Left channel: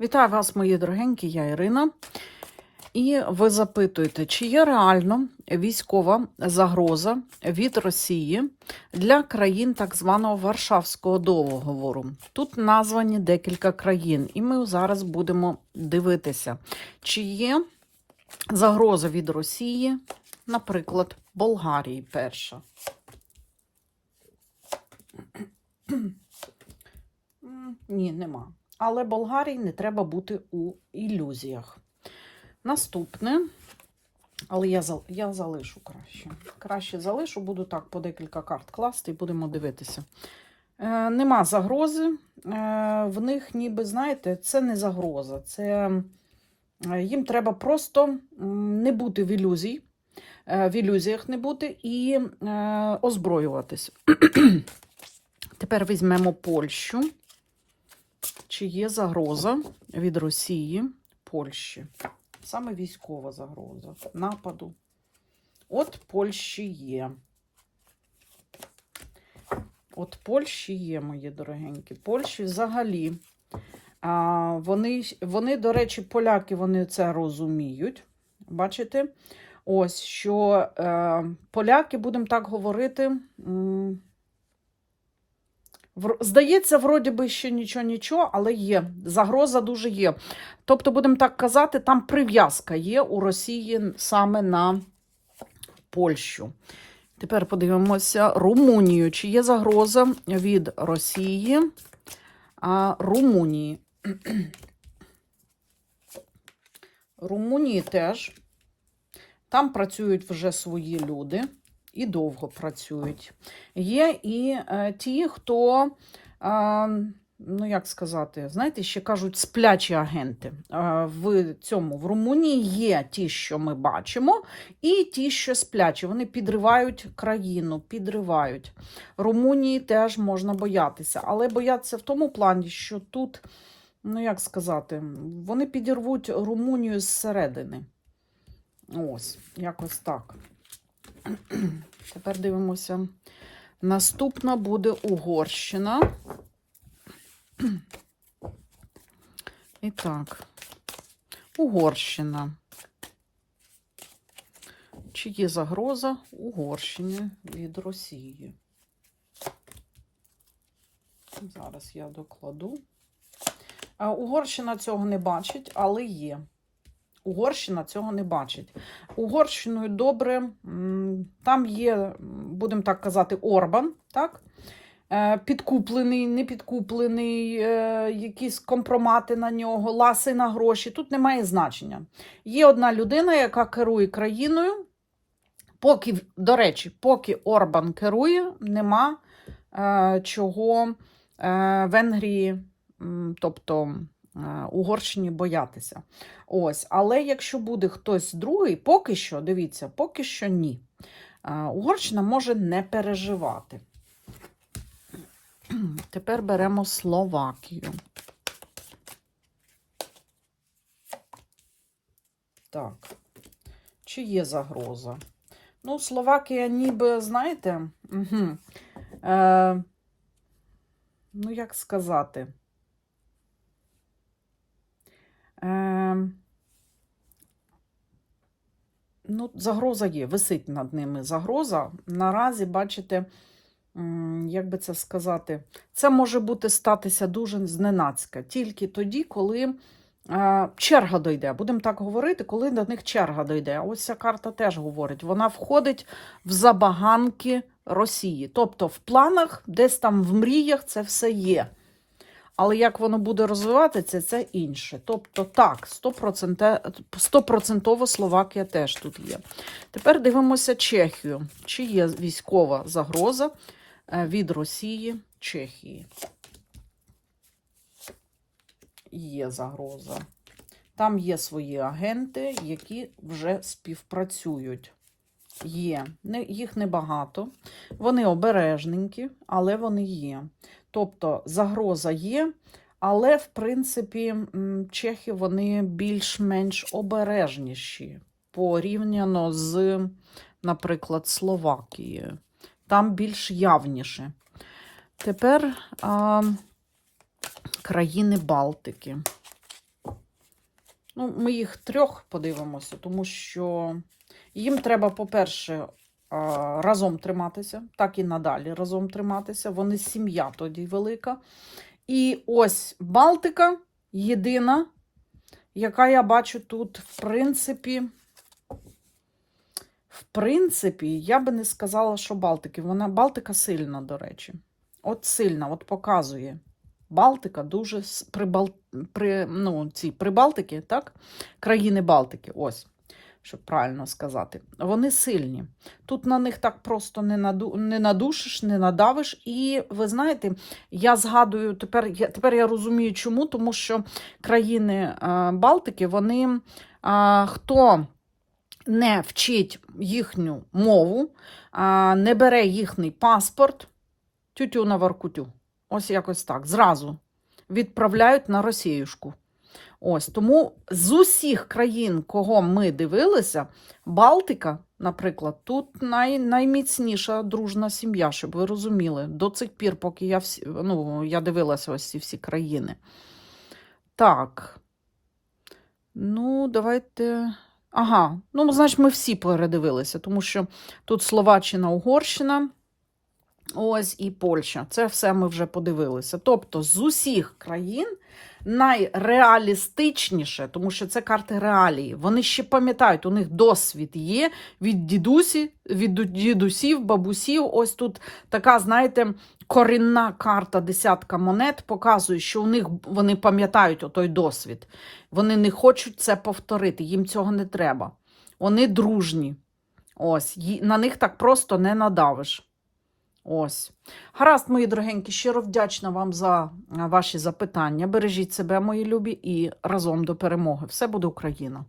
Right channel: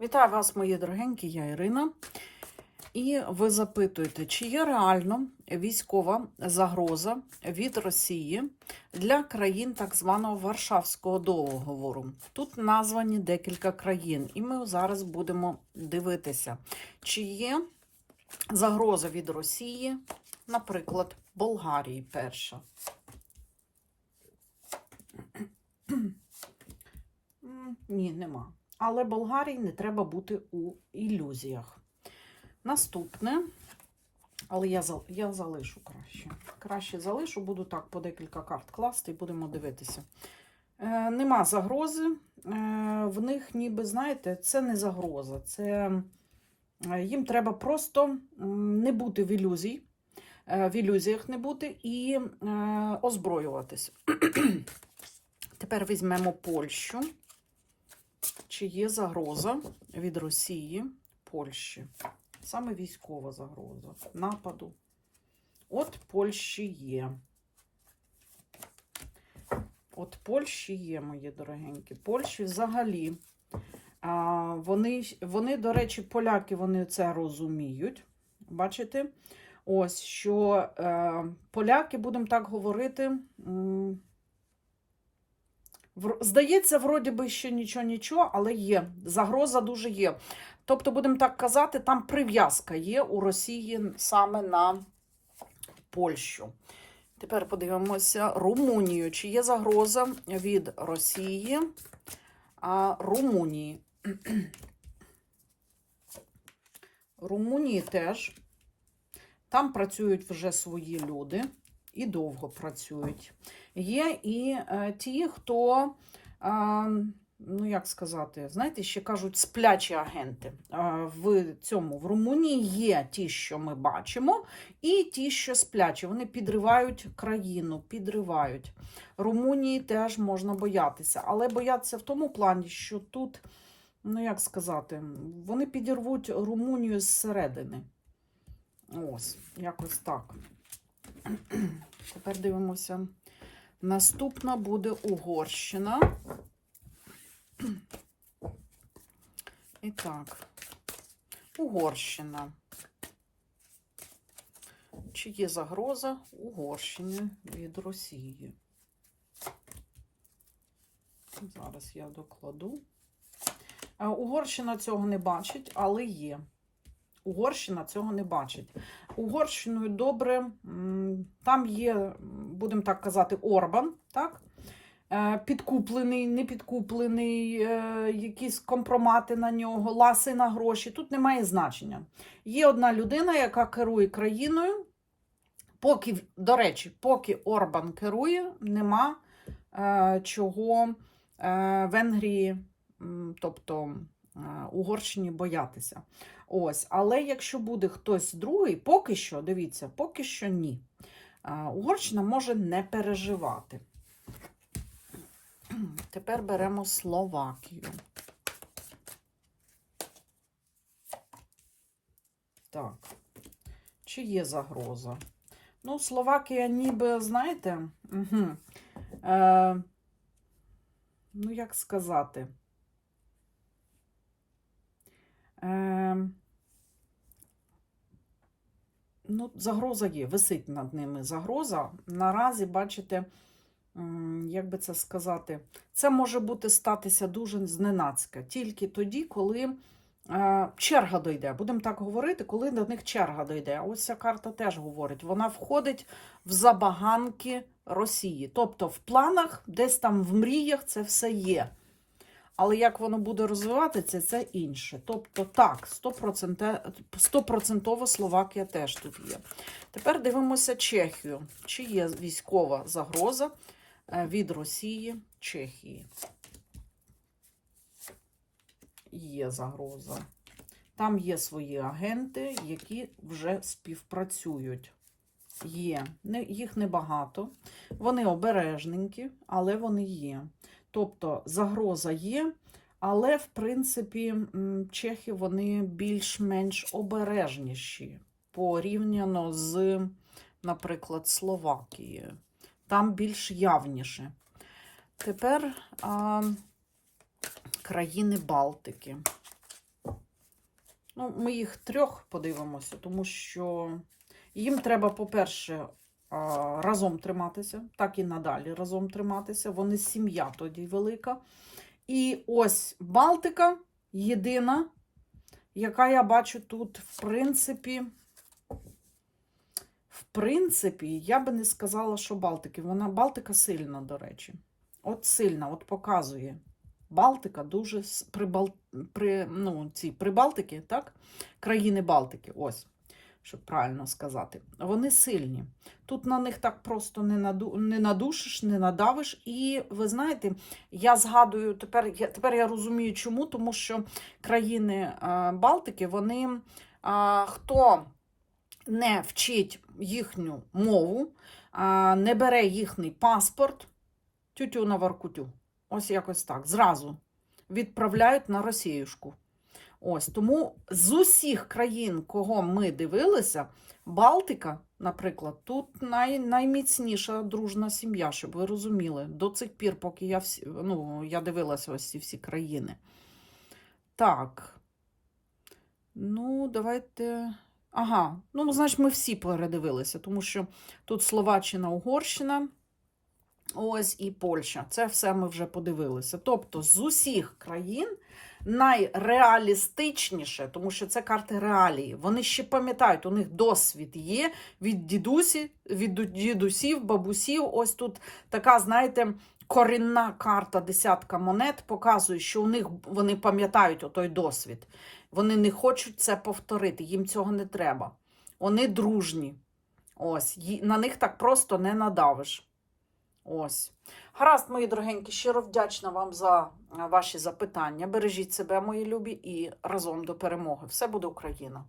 Вітаю вас, мої дорогенькі, я Ірина. І ви запитуєте, чи є реально військова загроза від Росії для країн так званого Варшавського договору? Тут названі декілька країн, і ми зараз будемо дивитися, чи є загроза від Росії, наприклад, Болгарії перша. Ні, нема. Але Болгарії не треба бути у ілюзіях. Наступне, але я, я залишу краще. Краще залишу, буду так по декілька карт класти і будемо дивитися. Е, нема загрози. Е, в них, ніби, знаєте, це не загроза. Це е, їм треба просто не бути в ілюзій, е, в ілюзіях не бути і е, озброюватись. Тепер візьмемо Польщу. Чи є загроза від Росії Польщі? Саме військова загроза нападу. От Польщі є. От Польщі є, мої дорогенькі. Польщі взагалі. А, вони, вони, до речі, поляки вони це розуміють. Бачите? Ось що е, поляки, будемо так говорити. Здається, вроді би ще нічого, нічого, але є. Загроза дуже є. Тобто, будемо так казати, там прив'язка є у Росії саме на Польщу. Тепер подивимося Румунію. Чи є загроза від Росії а, Румунії? Румунії теж. Там працюють вже свої люди і довго працюють. Є і е, ті, хто, е, ну як сказати, знаєте, ще кажуть, сплячі агенти. Е, в цьому в Румунії є ті, що ми бачимо, і ті, що сплячі. Вони підривають країну, підривають. Румунії теж можна боятися, але боятися в тому плані, що тут, ну як сказати, вони підірвуть Румунію зсередини. Ось, якось так. Тепер дивимося. Наступна буде Угорщина. І так, Угорщина. Чи є загроза Угорщині від Росії? Зараз я докладу. Угорщина цього не бачить, але є. Угорщина цього не бачить. Угорщиною добре, там є, будемо так казати, Орбан, так? Е, Підкуплений, не підкуплений, е, якісь компромати на нього, ласи на гроші. Тут немає значення. Є одна людина, яка керує країною. Поки, до речі, поки Орбан керує, нема е, чого Венгрії, тобто Угорщині боятися. Ось, але якщо буде хтось другий, поки що, дивіться, поки що ні. Е, Угорщина може не переживати. Тепер беремо Словакію. Так, чи є загроза? Ну, Словакія ніби, знаєте, угу. е, ну, як сказати, е, ну, загроза є, висить над ними загроза. Наразі, бачите, як би це сказати, це може бути статися дуже зненацька, тільки тоді, коли черга дойде. Будемо так говорити, коли до них черга дойде. Ось ця карта теж говорить, вона входить в забаганки Росії. Тобто в планах, десь там в мріях це все є. Але як воно буде розвиватися, це інше. Тобто, так, 100%, 100% Словакія теж тут є. Тепер дивимося Чехію. Чи є військова загроза е, від Росії Чехії? Є загроза. Там є свої агенти, які вже співпрацюють. Є, їх небагато. Вони обережненькі, але вони є. Тобто загроза є, але, в принципі, чехи вони більш-менш обережніші порівняно з, наприклад, Словакією. Там більш явніше. Тепер а, країни Балтики. Ну, ми їх трьох подивимося, тому що їм треба, по-перше, разом триматися, так і надалі разом триматися. Вони сім'я тоді велика. І ось Балтика єдина, яка я бачу тут, в принципі, в принципі, я би не сказала, що Балтики. Вона Балтика сильна, до речі. От сильна, от показує. Балтика дуже прибал... при, ну, ці Прибалтики, так? Країни Балтики, ось, щоб правильно сказати. Вони сильні. Тут на них так просто не, наду... не надушиш, не надавиш. І ви знаєте, я згадую, тепер я, тепер я розумію, чому, тому що країни е, Балтики, вони е, хто не вчить їхню мову, а, не бере їхній паспорт, тютю на воркутю. Ось якось так. Зразу відправляють на Росіюшку. Ось тому з усіх країн, кого ми дивилися, Балтика, наприклад, тут най, найміцніша дружна сім'я, щоб ви розуміли. До цих пір, поки я всі, ну, я дивилася ось ці всі країни. Так. Ну, давайте. Ага, ну, значить, ми всі передивилися, тому що тут Словаччина, Угорщина, ось і Польща. Це все ми вже подивилися. Тобто, з усіх країн найреалістичніше, тому що це карти реалії. Вони ще пам'ятають, у них досвід є від дідусі, від дідусів, бабусів. Ось тут така, знаєте, корінна карта десятка монет показує, що у них вони пам'ятають отой досвід. Вони не хочуть це повторити, їм цього не треба. Вони дружні. Ось, на них так просто не надавиш. Ось. Гаразд, мої дорогенькі, щиро вдячна вам за ваші запитання. Бережіть себе, мої любі, і разом до перемоги. Все буде Україна!